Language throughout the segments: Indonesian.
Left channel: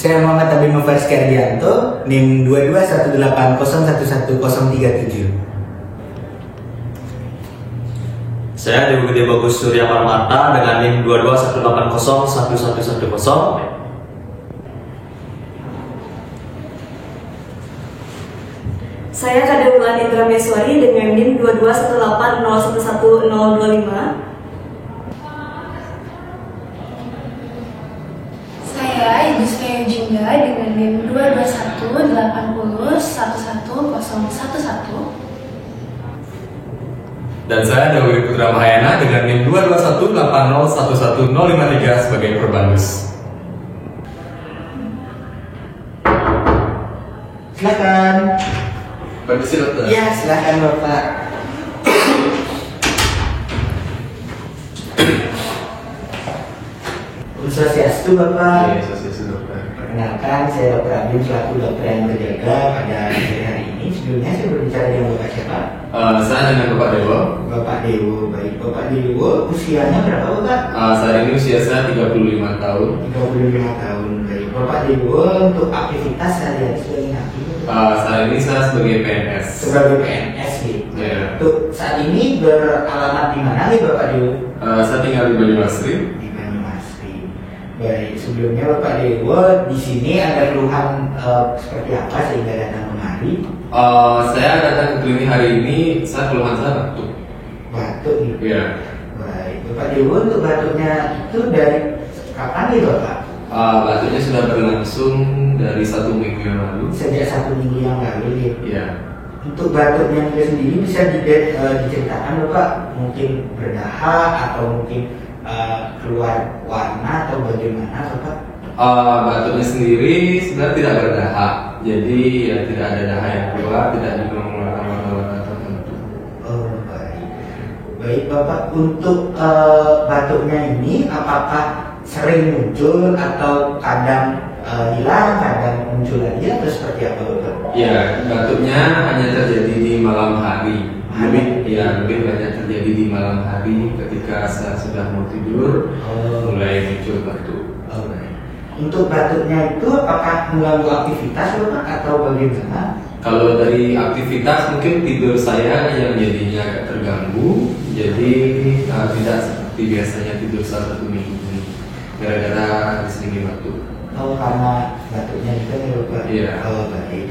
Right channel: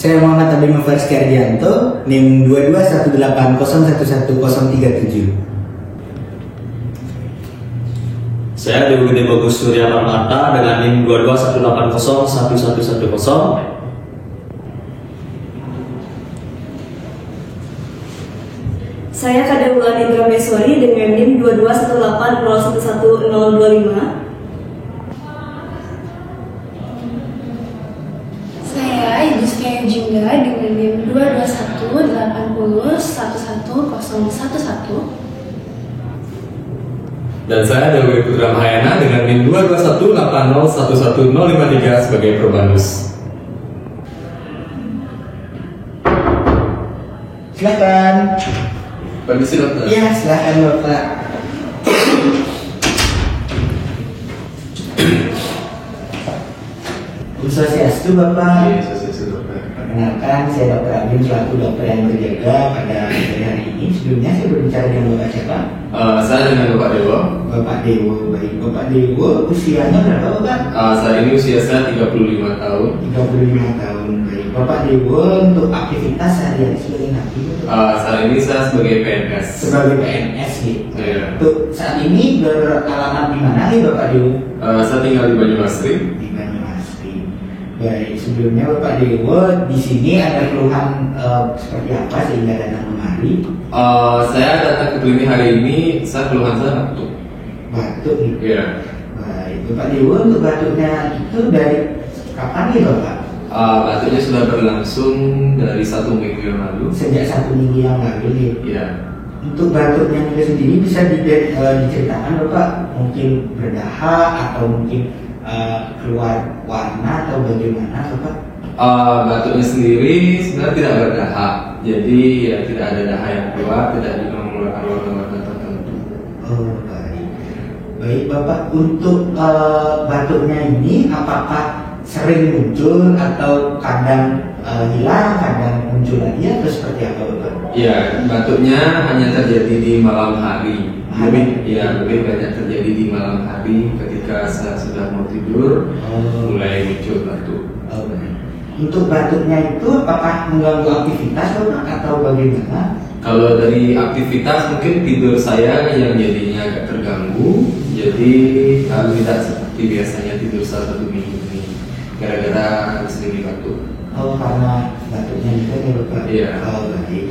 Saya Muhammad Abimah Faris Kardianto, NIM 2218011037. Saya Dewi Gede Bagus Surya Marmata dengan NIM 2218011110. Saya Kadeulan Indra Meswari dengan NIM 2218011025. Saya Yudhistira Jingga dengan NIM 22180111011. Dan saya Dewi Putra Mahayana dengan NIM 22180111053 sebagai Perbandus. Silakan. Permisi dokter. Ya, silakan Bapak. Swastiastu Bapak. Perkenalkan, saya Dr. Abim selaku dokter yang berjaga pada hari ini. Sebelumnya saya berbicara dengan Bapak siapa? Saya dengan Bapak Dewo. Bapak Dewo, baik. Bapak Dewo, usianya berapa Bapak? Saat ini usia saya 35 tahun. 35 tahun, baik. Bapak Dewo untuk aktivitas sehari-hari sebagai hakim? Saat ini saya sebagai PNS. Sebagai PNS gitu. Iya. Untuk saat ini beralamat di mana nih Bapak Dewo? Saya tinggal di Banyumasri. Di Banyumasri. Baik, sebelumnya Bapak Dewo di sini ada keluhan seperti apa sehingga datang kemari? Saya datang ke klinik hari ini, saya keluhan saya batuk. Batuk nih. Iya. Baik, Bapak Dewo untuk batuknya itu dari kapan nih Bapak? Batuknya sudah berlangsung dari 1 minggu yang lalu. Sejak 1 minggu yang lalu nih. Iya. Untuk batuknya itu sendiri bisa diceritakan Bapak, mungkin berdahak atau mungkin keluar warna atau bagaimana Bapak? Batuknya sendiri sebenarnya tidak berdahak, jadi ya tidak ada dahak yang keluar, tidak juga mengeluarkan warna-warna tertentu. Oh baik, baik Bapak. Untuk batuknya ini apakah sering muncul atau kadang hilang, kadang muncul lagi atau seperti apa Bapak? Ya, batuknya hanya terjadi di malam hari. Mungkin hanya terjadi di malam hari ketika saya sudah mau tidur, mulai muncul batuk. Oh, baik. Untuk batuknya itu apakah mengganggu aktivitas Bapak atau bagaimana? Kalau dari aktivitas mungkin tidur saya yang jadinya agak terganggu, jadi tidak seperti biasanya tidur saat 1 minggu ini, gara-gara sering batuk. Oh, karena batuknya itu ya Bapak? Iya. Oh, baik.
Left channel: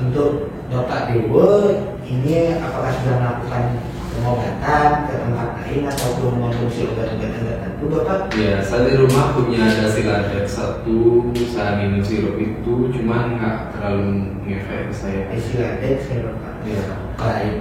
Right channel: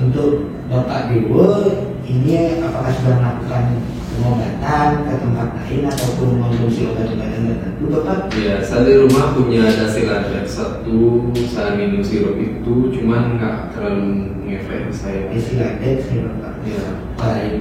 Untuk Bapak Dewo ini apakah sudah melakukan pengobatan ke tempat lain ataupun mengonsumsi obat-obatan tertentu Bapak? Ya, saya di rumah punya ada Siladrex 1, saya minum sirup itu, cuman nggak terlalu ngefek ke saya. Siladrex ya Bapak? Ya. Baik.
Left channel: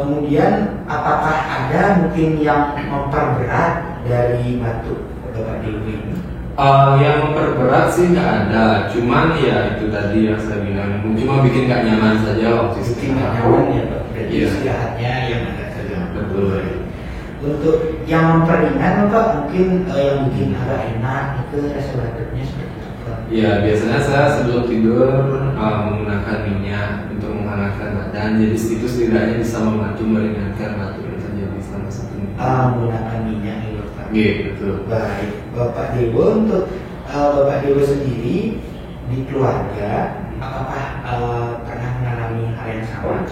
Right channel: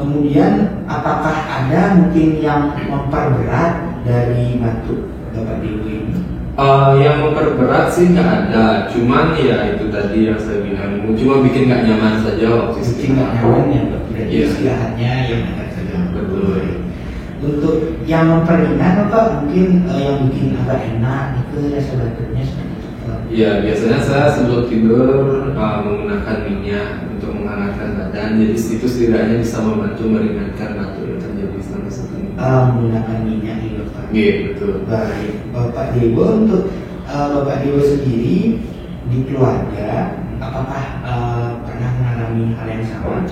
Kemudian apakah ada mungkin yang memperberat dari batuk Bapak Dewo ini? Yang memperberat sih nggak ada, cuman ya itu tadi yang saya bilang, cuma bikin nggak nyaman saja waktu itu. Bikin nggak nyaman ya Pak? Berarti Iya. istirahatnya yang ada saja. Betul. Untuk yang memperingan Bapak mungkin yang bikin agak enak itu rasa batuknya seperti apa? Ya, biasanya saya sebelum tidur menggunakan minyak untuk menghangatkan badan, jadi itu setidaknya bisa membantu meringankan batuk yang terjadi selama 1 minggu. Menggunakan minyak ya Bapak? Iya, betul. Baik, Bapak Dewo, untuk Bapak Dewo sendiri di keluarga apakah pernah mengalami hal yang sama?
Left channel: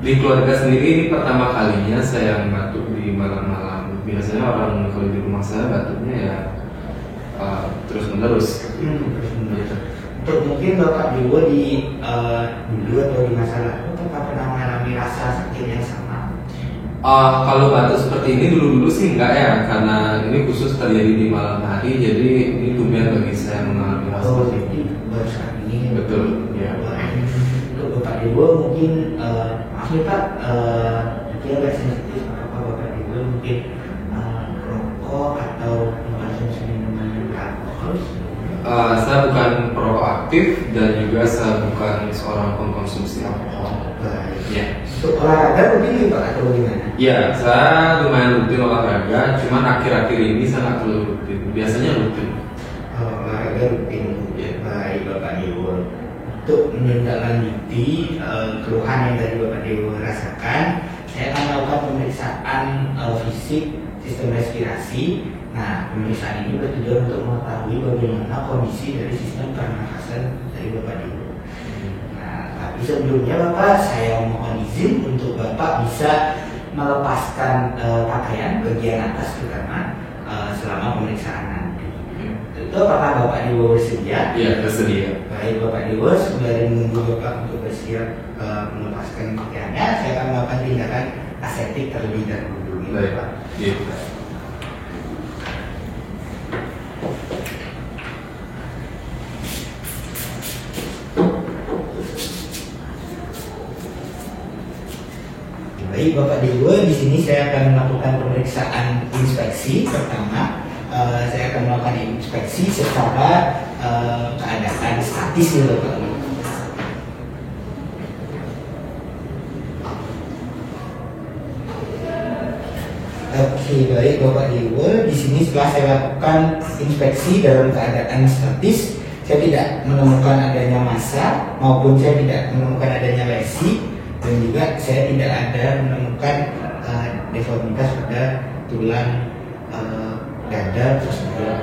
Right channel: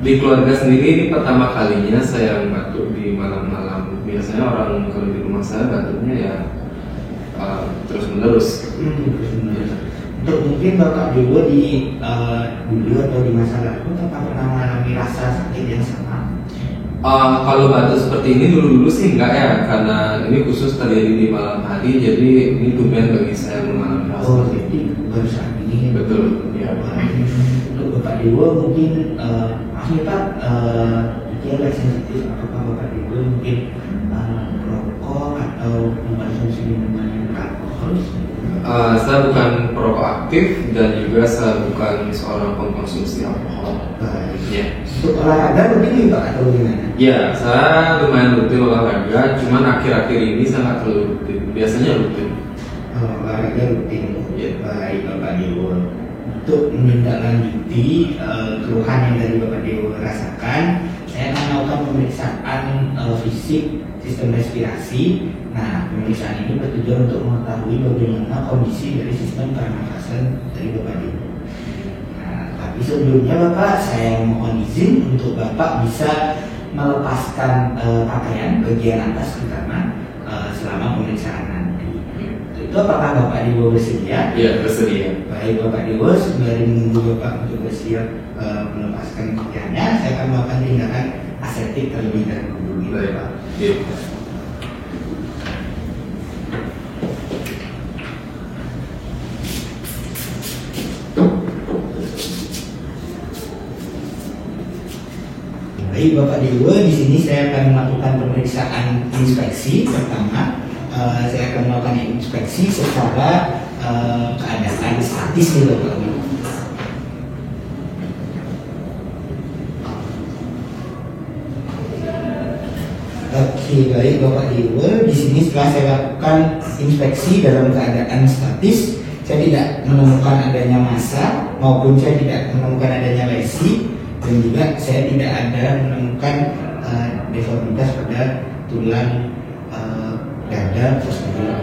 Di keluarga sendiri ini pertama kalinya saya batuk di malam-malam. Biasanya orang kalau di rumah saya batuknya ya terus menerus. Untuk mungkin Bapak Dewo di dulu atau di masa lalu apakah pernah mengalami rasa sakit yang sama? Kalau batuk seperti ini dulu-dulu sih enggak ya, karena ini khusus terjadi di malam hari, jadi ini tumben bagi saya mengalami rasa. Oh, jadi baru saat ini. Betul. Ya. Untuk Bapak Dewo mungkin maaf nih Pak, mungkin agak sensitif apakah Bapak Dewo mungkin rokok atau mengkonsumsi minuman yang beralkohol? Saya bukan perokok aktif dan juga saya bukan seorang pengkonsumsi alkohol. Ya. Untuk olahraga mungkin nih Pak atau bagaimana? Ya, saya lumayan rutin olahraga, cuman akhir-akhir ini saya nggak terlalu rutin. Biasanya rutin. Olahraga rutin. Ya. Baik Bapak Dewo. Untuk menindaklanjuti keluhan yang dari Bapak Dewo rasakan, saya akan melakukan pemeriksaan fisik sistem respirasi. Nah, pemeriksaan ini bertujuan untuk mengetahui bagaimana kondisi dari sistem pernafasan dari Bapak Dewo. Nah, tapi sebelumnya Bapak, saya mohon izin untuk Bapak bisa melepaskan pakaian bagian atas terutama selama pemeriksaan nanti. Itu apakah Bapak Dewo bersedia? Iya, bersedia. Baik Bapak Dewo, sembari menunggu Bapak untuk bersiap melepaskan pakaiannya, saya akan melakukan tindakan aseptik terlebih dahulu. Baik, Pak. Iya. Baik Bapak Dewo, di sini saya akan melakukan pemeriksaan inspeksi pertama. Saya akan melakukan inspeksi secara keadaan statis nih Bapak. Oke, baik Bapak Dewo, di sini setelah saya lakukan inspeksi dalam keadaan statis, saya tidak menemukan adanya massa maupun saya tidak menemukan adanya lesi, dan juga saya tidak ada menemukan deformitas pada tulang dada tersebut.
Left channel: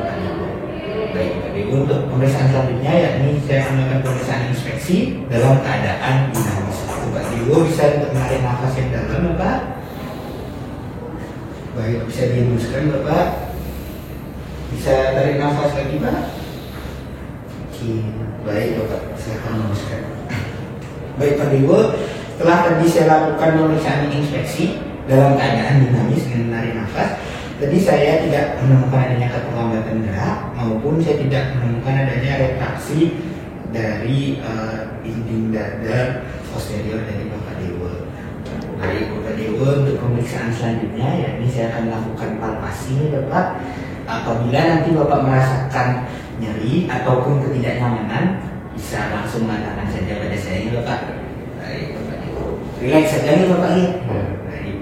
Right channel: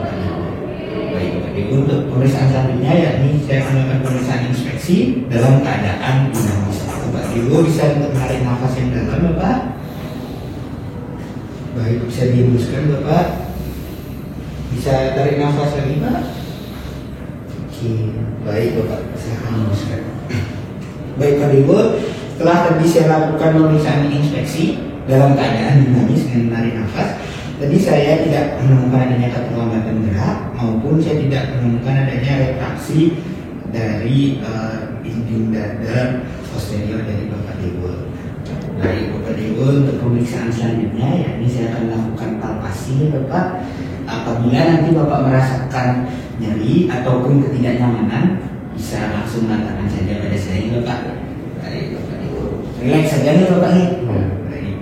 Baik, jadi untuk pemeriksaan selanjutnya yakni saya akan melakukan pemeriksaan inspeksi dalam keadaan dinamis. Bapak Dewo bisa untuk menarik nafas yang dalam, Bapak. Baik, bisa dihembuskan Bapak. Bisa tarik nafas lagi Pak. Oke, baik Bapak, silakan hembuskan. Baik Pak Dewo, setelah tadi saya lakukan pemeriksaan inspeksi dalam keadaan dinamis dengan menarik nafas, tadi saya tidak menemukan adanya keterlambatan gerak maupun saya tidak menemukan adanya retraksi dari dinding dada posterior dari Bapak Dewo. Baik Bapak Dewo, untuk pemeriksaan selanjutnya yakni saya akan lakukan palpasi Bapak. Apabila nanti Bapak merasakan nyeri ataupun ketidaknyamanan, bisa langsung mengatakan saja pada saya Bapak. Baik Bapak Dewo, relax saja nih Bapak nih. Baik.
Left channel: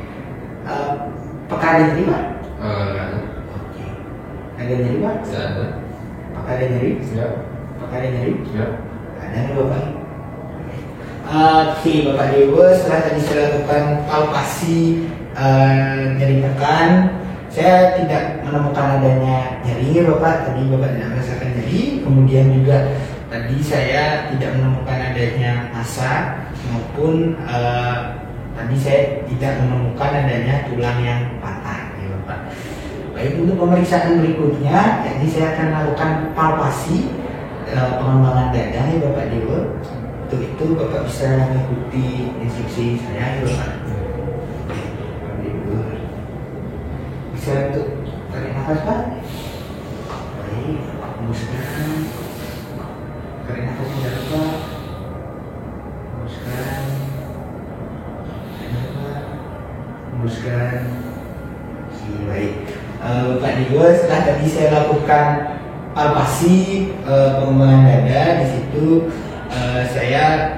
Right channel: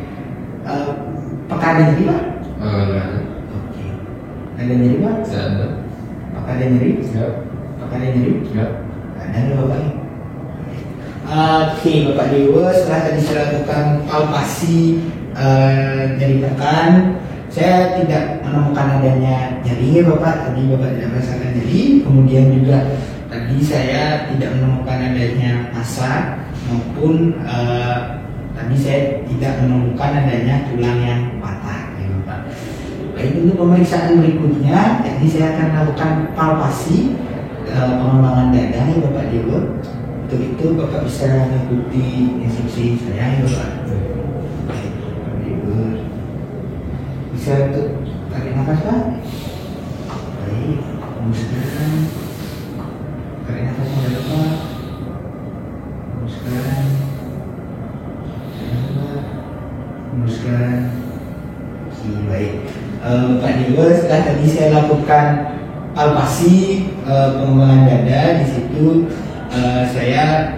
Apakah ada nyeri Pak? Oke. Ada nyeri Pak? Tidak ada. Apakah ada nyeri? Siap. Apakah ada nyeri? Siap. Ada nih Bapak nih. Oke Bapak Dewo, setelah tadi saya lakukan palpasi nyeri pekan, saya tidak menemukan adanya nyeri Bapak. Tadi Bapak tidak merasakan nyeri. Kemudian juga tadi saya tidak menemukan adanya massa maupun tadi saya tidak menemukan adanya tulang yang patah ya Bapak. Baik, untuk pemeriksaan berikutnya, jadi saya akan lakukan palpasi pengembangan dada ya Bapak Dewo. Untuk itu Bapak bisa mengikuti instruksi saya ya Bapak. Bisa untuk tarik nafas Pak. Baik, hembuskan. Tarik nafas yang dalam Pak. Hembuskan. Hembuskan. Baik, Pak Dewo, setelah tadi saya lakukan palpasi pengembangan dada, di situ saya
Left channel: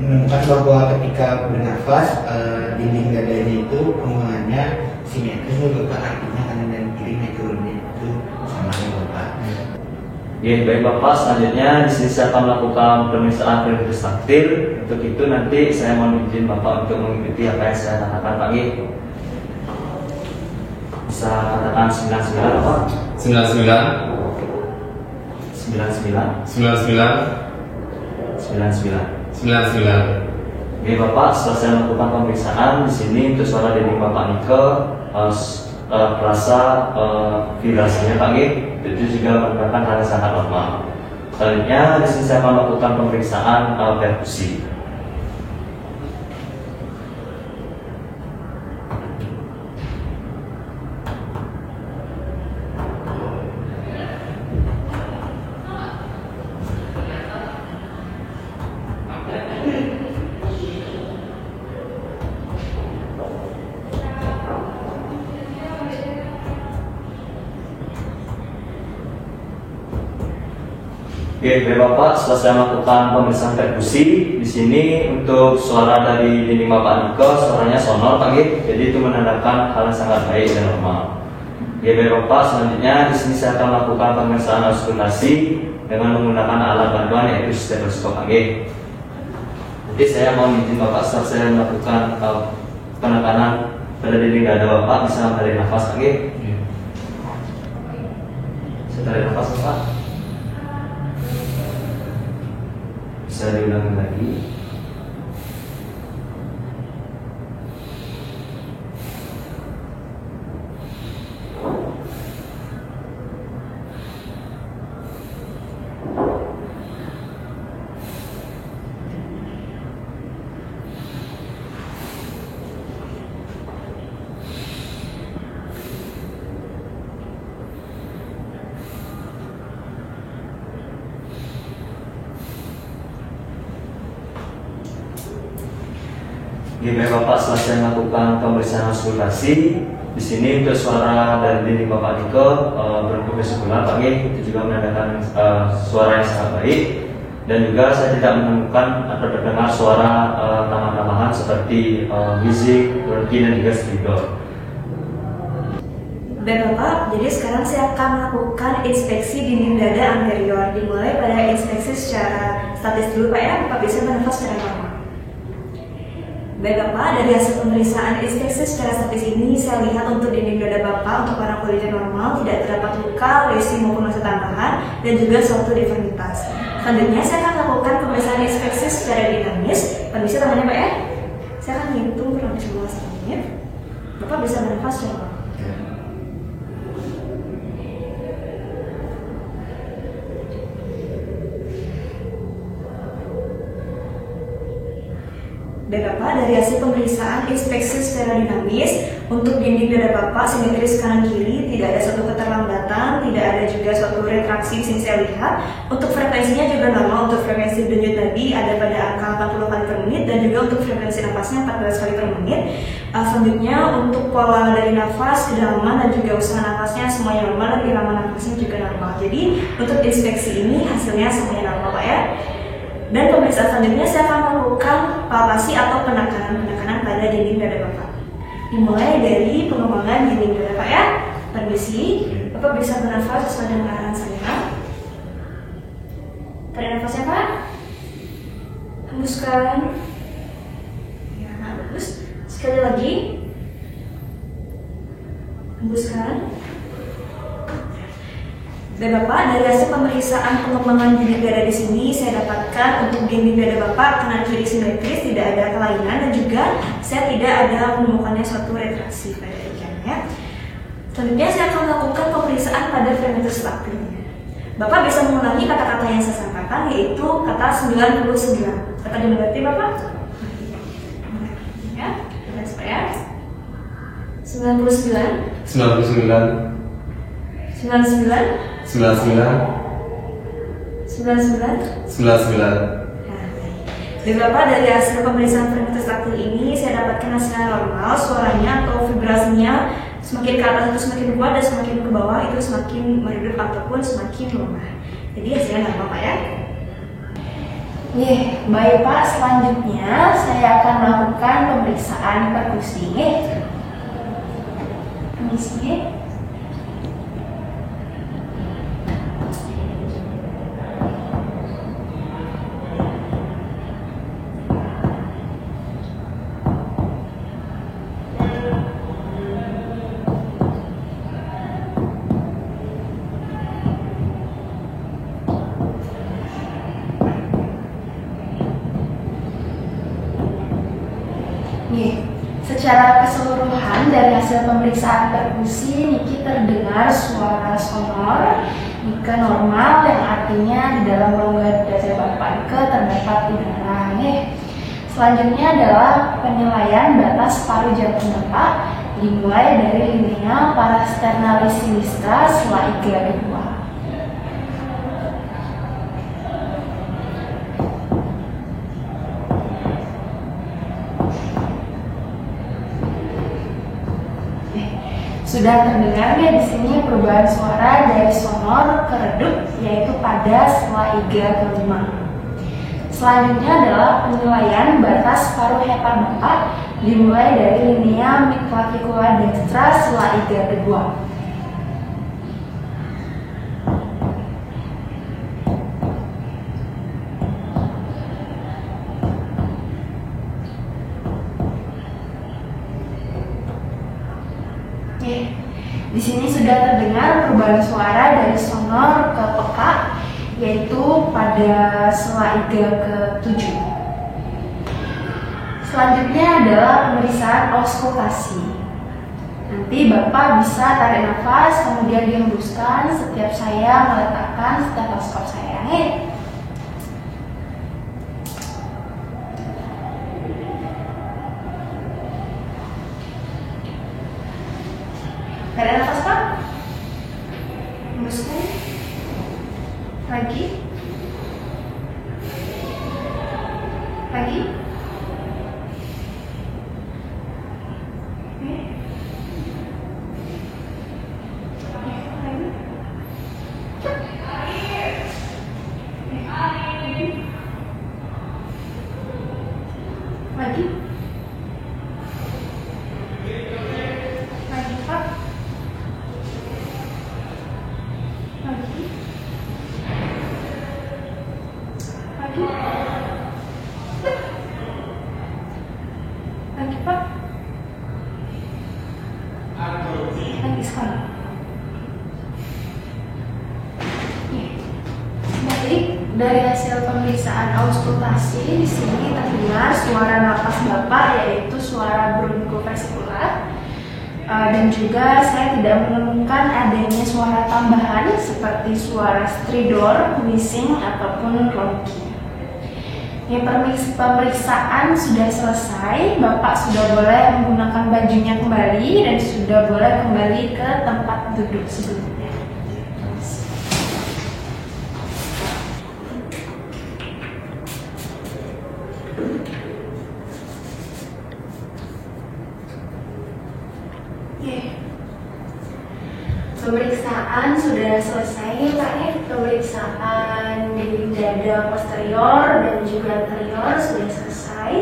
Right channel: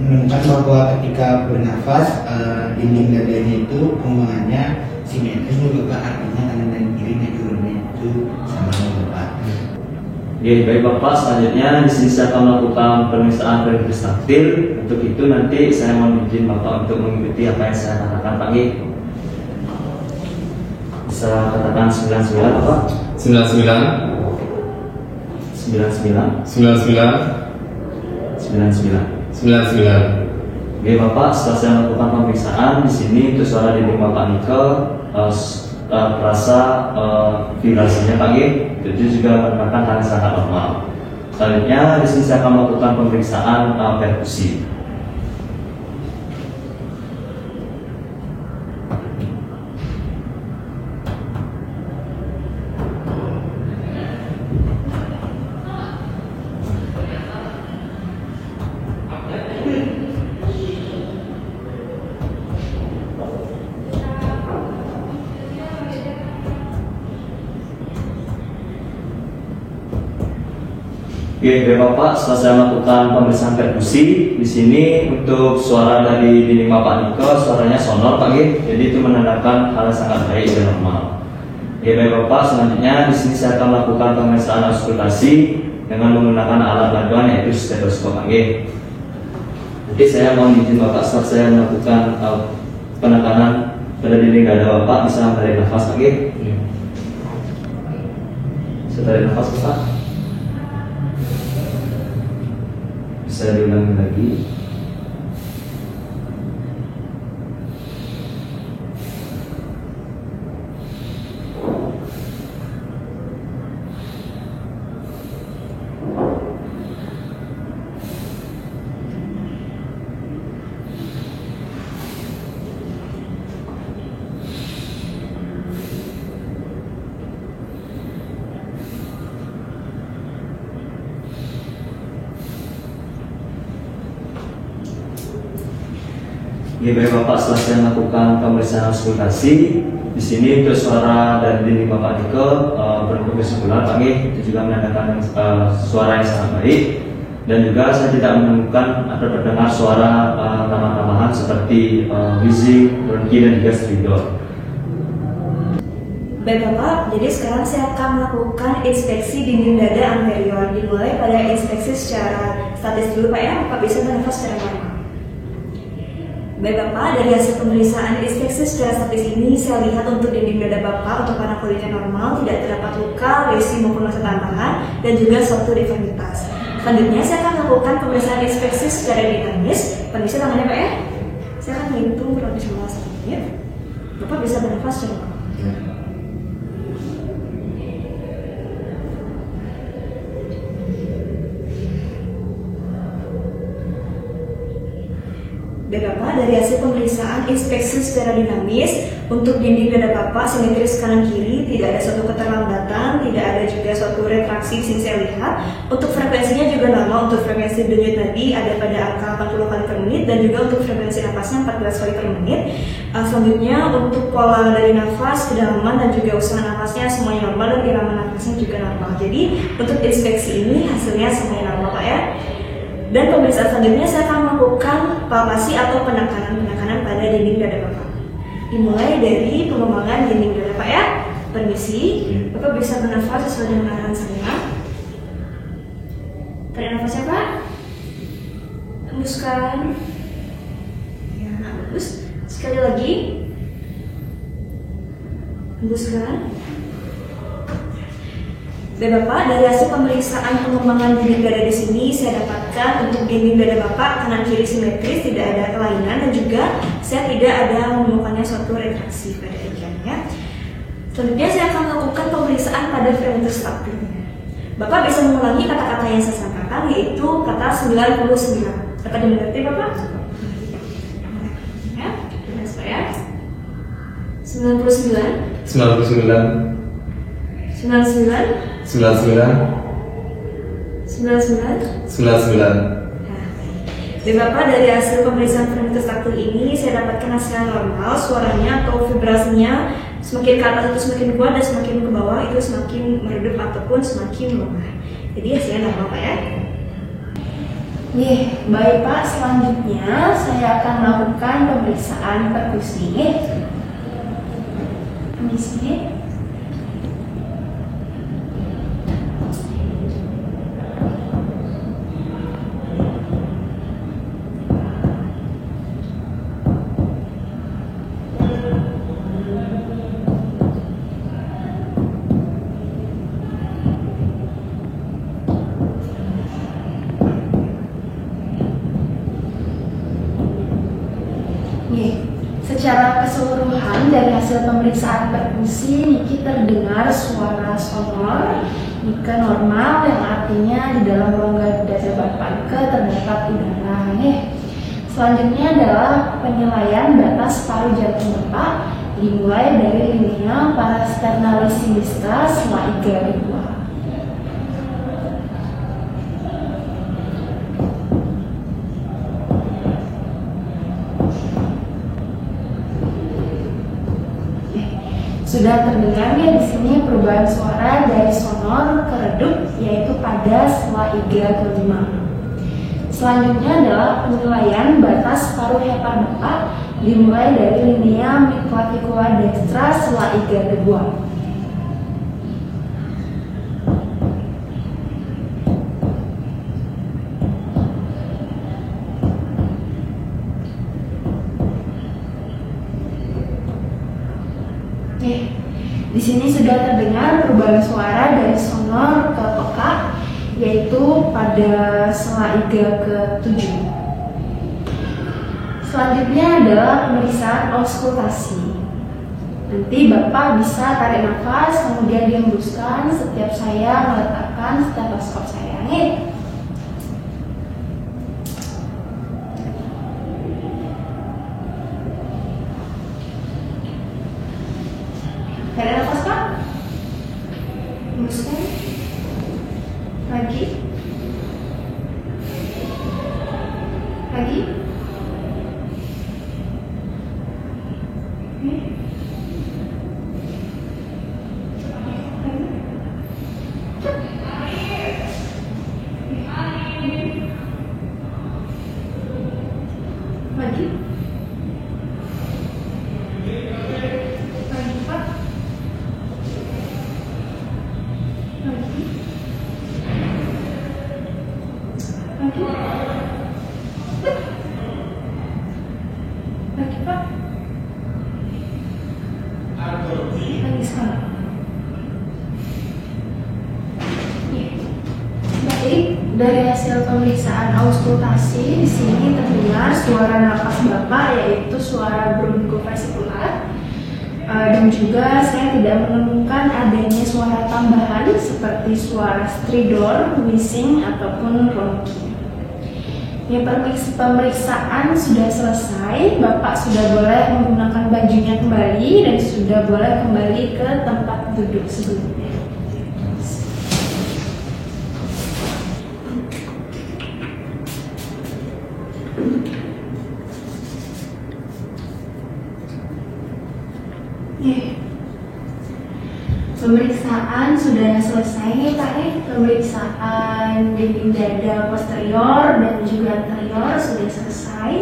menemukan bahwa ketika bernafas dinding dadanya itu pengembangannya simetris Bapak, artinya kanan dan kiri naik turunnya itu sama Bapak. Oke, baik Bapak, selanjutnya di sini saya akan melakukan pemeriksaan periode taktil. Untuk itu nanti saya mohon izin Bapak untuk mengikuti apa yang saya katakan Pak. Bisa katakan 99 Pak. 99. 99. 99. 99. Oke Bapak, setelah saya melakukan pemeriksaan di sini untuk suara dinding Bapak Nike terasa vibrasinya Pak. Itu juga merupakan hal yang sangat normal. Selanjutnya di sini saya akan melakukan pemeriksaan perkusi. Oke, Bapak, setelah saya melakukan pemeriksaan perkusi di sini untuk suara dari dinding Bapak Niko, suaranya sonor Pak. Jadi itu menandakan hal yang sangat baik dan normal. Oke, Bapak, selanjutnya di sini saya akan melakukan pemeriksaan auskultasi dengan menggunakan alat bantuan yaitu stetoskop Pak. Oke, saya mohon izin Bapak setelah saya melakukan penekanan pada dinding dada Bapak bisa menarik nafas lagi. Bisa tarik nafas Bapak. Bisa diulangi lagi. Baik Bapak, setelah saya melakukan pemeriksaan auskultasi, di sini untuk suara dari dinding Bapak Diko berbentuk kesimpulan Pak Nggih, itu juga menandakan suara yang sangat baik, dan juga saya tidak menemukan atau terdengar suara tambahan-tambahan seperti wheezing, bronki, dan juga stridor. Baik Bapak, jadi sekarang saya akan melakukan inspeksi dinding dada anterior. Dimulai pada inspeksi secara statis dulu Pak ya, Bapak bisa bernafas secara normal. Baik Bapak, dari hasil pemeriksaan inspeksi secara statis ini, saya lihat untuk dinding dada Bapak untuk warna kulitnya normal, tidak terdapat luka, lesi maupun massa tambahan, dan juga suatu deformitas. Selanjutnya, saya akan melakukan pemeriksaan inspeksi secara dinamis. Permisi tangannya Pak ya. Saya akan menghitung kurang lebih 15 menit. Bapak bisa bernafas coba. Baik Bapak, dari hasil pemeriksaan inspeksi secara dinamis untuk dinding dada Bapak simetris kanan kiri, tidak ada suatu keterlambatan, tidak ada juga suatu retraksi yang saya lihat. Untuk frekuensinya juga normal, untuk frekuensi denyut nadi ada pada angka 80 kali per menit, dan juga untuk frekuensi napasnya 14 kali per menit. Selanjutnya untuk pola dari nafas, kedalaman, dan juga usaha nafasnya semuanya normal, dan irama nafasnya juga normal. Jadi untuk inspeksi ini hasilnya semuanya normal Pak ya. Dan pemeriksaan selanjutnya saya akan melakukan palpasi atau penekanan pada dinding dada Bapak. Dimulai dari pengembangan dinding dada Pak ya. Permisi, Bapak bisa bernafas sesuai dengan arahan saya. Tarik nafasnya Pak. Hembuskan. Ya, bagus. Sekali lagi. Hembuskan. Baik Bapak, dari hasil pemeriksaan pengembangan dinding dada di sini, saya dapatkan untuk dinding dada Bapak kanan kiri simetris, tidak ada kelainan, dan juga saya tidak ada menemukannya suatu retraksi pada bagiannya. Selanjutnya saya akan melakukan pemeriksaan pada frenatus strukturnya. Bapak bisa mengulangi kata-kata yang saya sampaikan, yaitu kata 99. Dapat dimengerti Bapak? Ya, coba saya. 99. 99. 99. 99. 99. 99. Dan Bapak, dari hasil pemeriksaan frenatus struktur ini, saya dapatkan hasilnya normal, suaranya atau vibrasinya semakin ke atas itu semakin kuat, dan semakin ke bawah itu semakin meredup ataupun semakin lemah. Jadi hasilnya normal Pak ya. Baik Pak, selanjutnya saya akan melakukan pemeriksaan perkusi. Permisi. Secara keseluruhan dari hasil pemeriksaan perkusi, Niki terdengar suara sonor, Nika normal, yang artinya di dalam rongga dada Bapak Nika terdapat udara. Selanjutnya adalah penilaian batas paru jantung Bapak, dimulai dari linea parasternalis sinistra setelah IGA-2. Sudah terdengarnya di sini perubahan suara dari sonor ke redup, yaitu pada setelah IGA ke-5. Selanjutnya adalah penilaian batas paruh hepar Bapak, dimulai dari linea midclavicular dextra setelah IGA ke-2. sini sudah terdengar perubahan suara dari sonor ke peka, yaitu pada sela iga ke-7. Selanjutnya adalah pemeriksaan auskultasi. Nanti Bapak bisa tarik nafas, kemudian dihembuskan setiap saya meletakkan stetoskop saya. Tarik nafas Pak. Hembuskan. Lagi. Lagi. Lagi. Lagi Pak. Lagi. Lagi. Lagi Pak. Lagi sekali. Baik, dari hasil pemeriksaan auskultasi di sini terdengar suara napas Bapak, yaitu suara bronkofasikular. Dan juga saya tidak menemukan adanya suara tambahan seperti suara stridor, wheezing, ataupun ronki. Ya, pemeriksaan sudah selesai, Bapak sudah boleh menggunakan bajunya kembali dan sudah boleh kembali ke tempat duduk sebelumnya. Pemeriksaan sudah selesai Pak. Pemeriksaan dinding dada posterior dan juga anterior sudah selesai,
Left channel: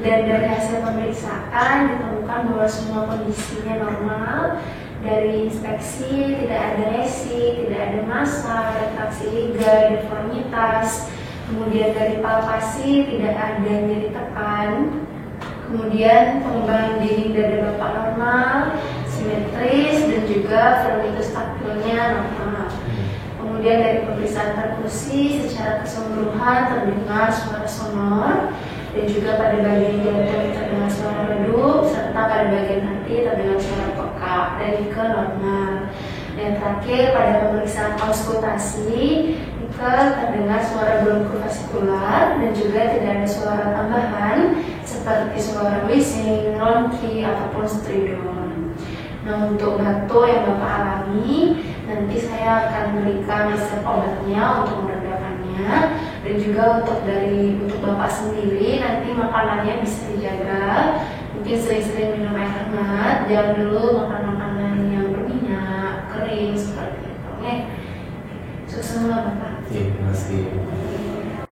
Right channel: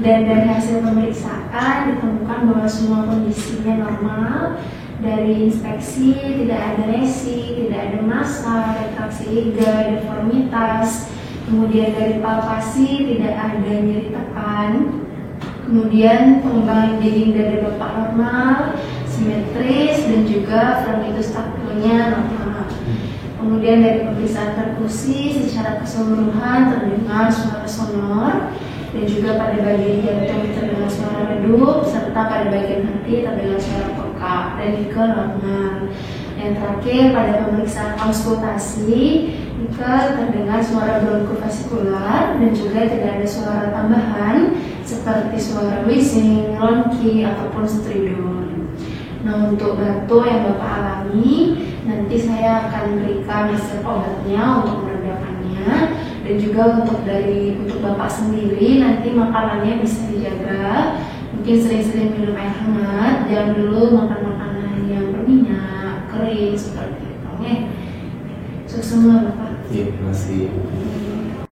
dan dari hasil pemeriksaan ditemukan bahwa semua kondisinya normal. Dari inspeksi tidak ada lesi, tidak ada massa, retraksi iga, deformitas. Kemudian dari palpasi tidak ada nyeri tekan. Kemudian pengembangan dinding dada Bapak normal, simetris, dan juga vermitus taktilnya normal. Kemudian dari pemeriksaan perkusi secara keseluruhan terdengar suara sonor, dan juga pada bagian jangkauan terdengar suara redup, serta pada bagian hati terdengar suara peka dan juga normal. Yang terakhir pada pemeriksaan auskultasi terdengar suara bronkofasikular dan juga tidak ada suara tambahan seperti suara wheezing, ronki, ataupun stridor. Nah, untuk batuk yang Bapak alami, nanti saya akan berikan resep obatnya untuk meredakannya, dan juga untuk Bapak sendiri nanti makanannya bisa dijaga. Mungkin sering-sering minum air hangat, jangan dulu makan makanan yang berminyak, kering seperti itu. Sukses semua Bapak. Terima kasih.